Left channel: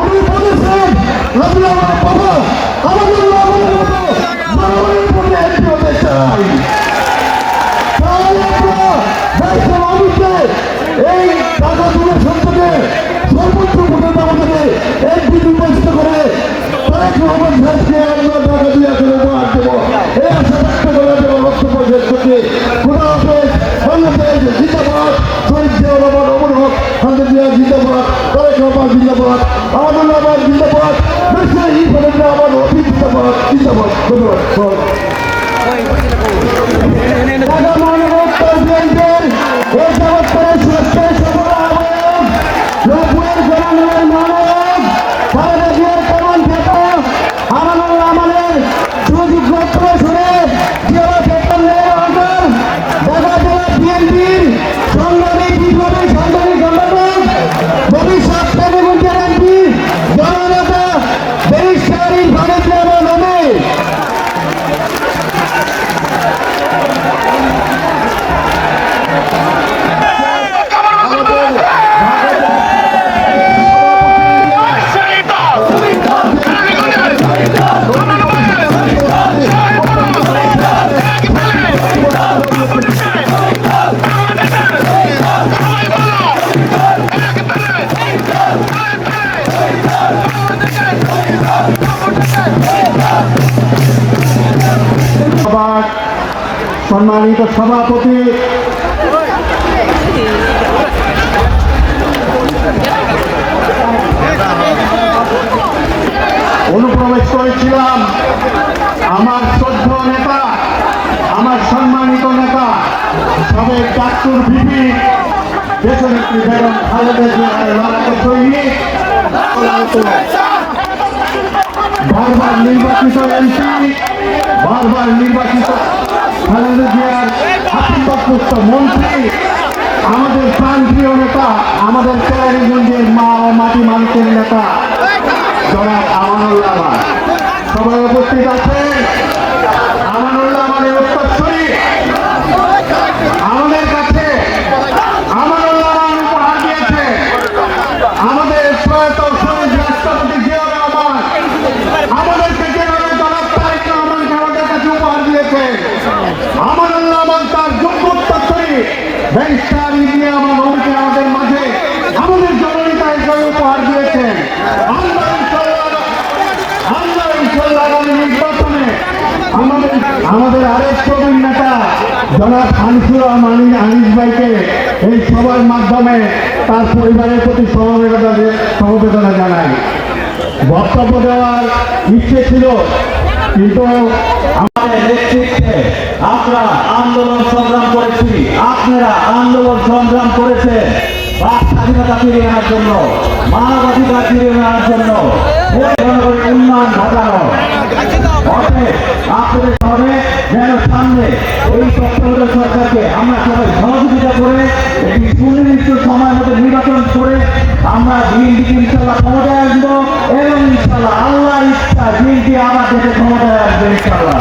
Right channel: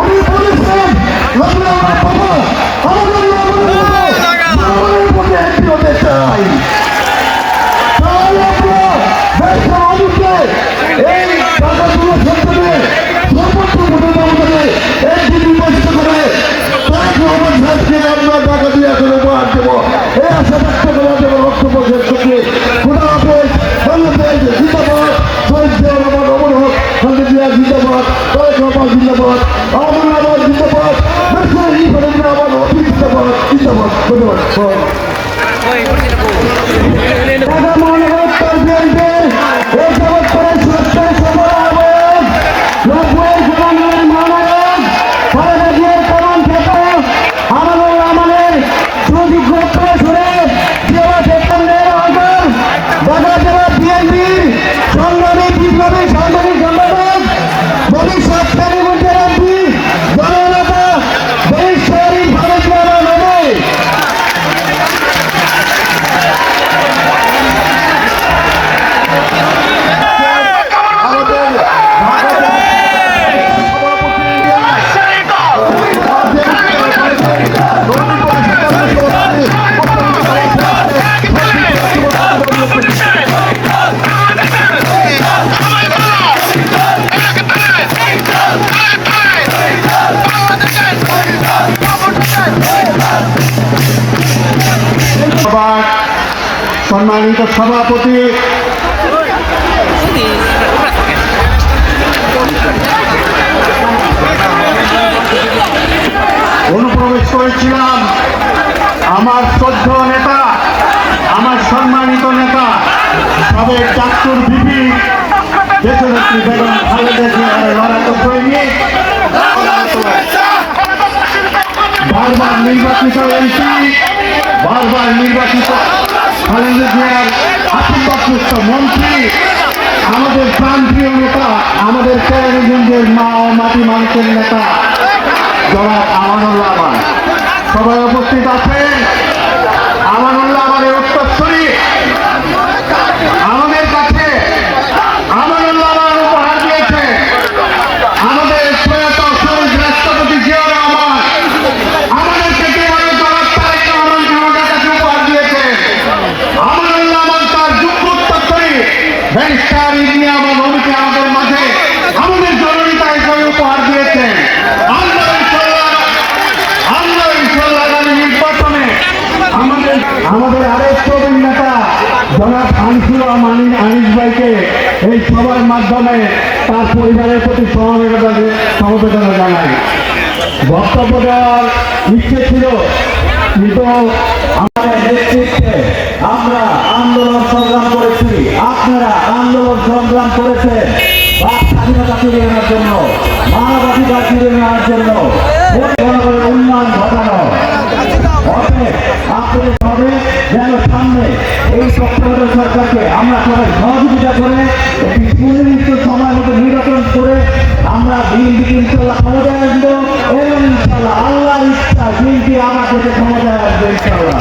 উনি বলেছেন আমরা আমরা পাবো আমাদের এই ভোটে আমাদের একটি নির্বাচিত করে তাকে আমার দেশকে আমরা টাকা দিয়ে দেবো। এই করে দেবো করছি। খোদা হাফেজ বাংলাদেশ জিন্দাবাদ। শহীদ জিয়া রহমান অমর হক খালেদা জিয়া জিন্দাবাদ। তারেক রহমান, জিন্দাবাদ। সম্মানিত সভাপতি। অনুপ্রবেশ করেছিলাম আমার শ্রদ্ধ নেতা, আমার সম্মানিত নেতা সাবেক চাকর বিবি বারবার নির্বাচিত এমপি, বারবার নির্বাচিত আশীর্বাদপুষ্ট মন্ত্রী আমাদের নেতা আমাদের কেরানীগঞ্জের মা ও মানুষের নেতা যারা সবাই উপস্থিত আছেন। আমাদের আমাদের আরেক প্রবীণ নেতা, জনাব আনিসুর রহমান আনিস ভাইকে এই সভার মাধ্যমে তার পরিবারের প্রতি সমবেদনা সমবেদনা জানাই। বক্তব্য দেওয়ার ইচ্ছে ছিল, কিন্তু আমাদের নেতৃত্বে আমরা আন্দোলন সংগ্রাম করেছি। আপনারা আন্দোলন সংগ্রাম করেছেন। বাক স্বাধীনতা ফিরিয়ে আনার জন্য, মানবাধিকার ফিরিয়ে আনার জন্য উন্নয়ন ঘটানো। অতএব আপনাদের হবে যেন সামনে এই তত্ত্বাবধায়ক সরকারকে আমরা সবাই সহযোগিতা করে, একটি সুনির্দিষ্ট সময় মতো নির্বাচন করে আমরা দিনটিকে ইনশাল্লাহ ক্ষমতায় আসব এবং ইনশাল্লাহ আল্লাহ ইচ্ছা দিনটি আমার দেশে ক্ষমতায় আসবে ইনশাল্লাহ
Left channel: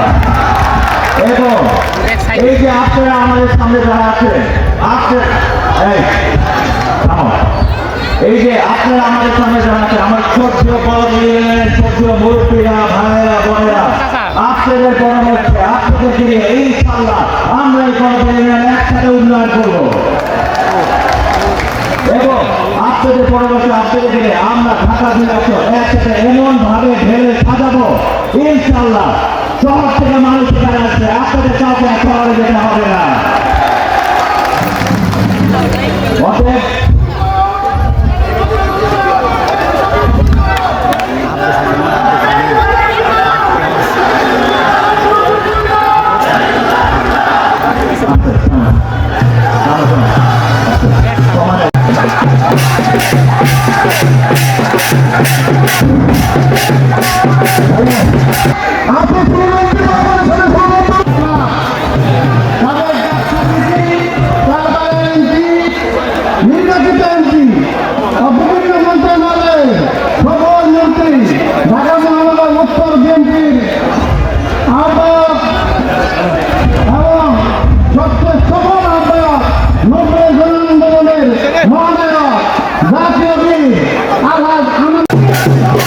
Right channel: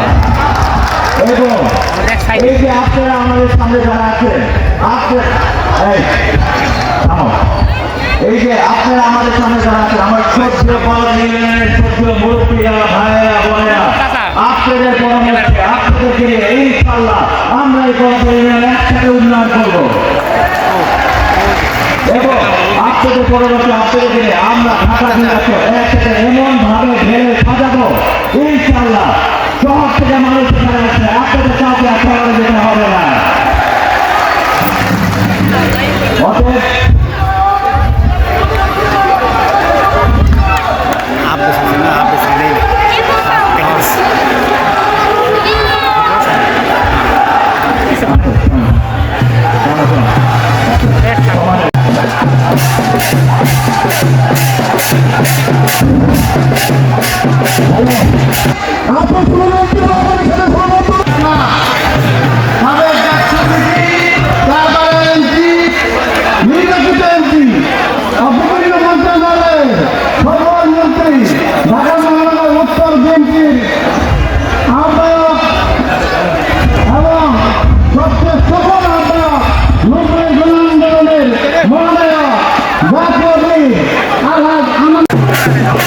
এবং এই যে আপনারা আমাদের সামনে যারা আছেন আপনার এই যে আপনারা আমাদের সামনে যারা আছেন, আমার সভ্য ইউনিয়নের সভ্য আপনাদেরকে নিয়ে আমরা জেলাকে একসাথে এমন ভাবে ঢেলে সাজাবো ইনশাল্লাহ শহর থেকে মানুষ এখানে আসছে আপনাদের কাউকে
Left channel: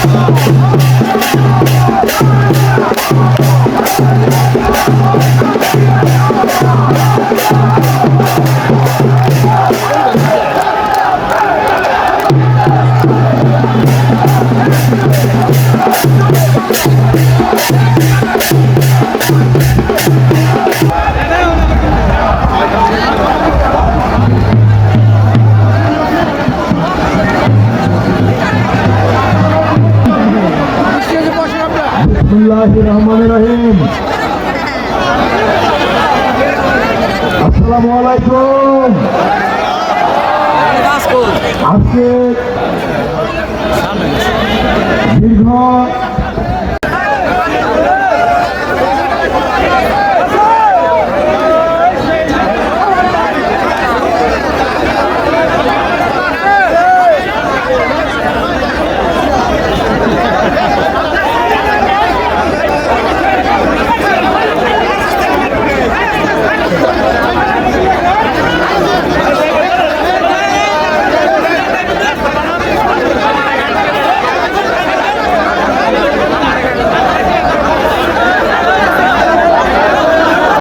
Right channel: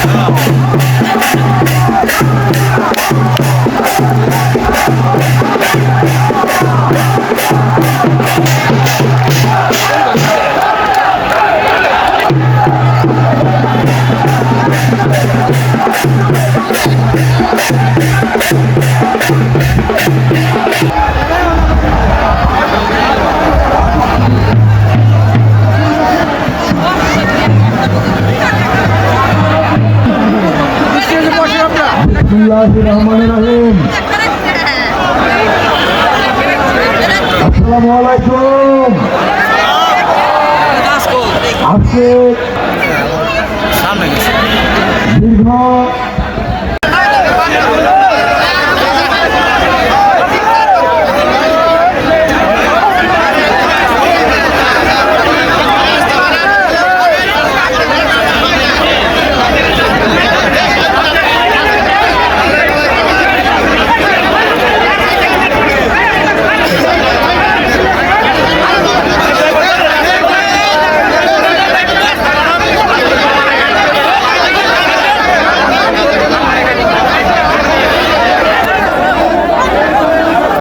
Oh, রহমান রহিম। আসসালামু আলাইকুম। আজকে দীর্ঘ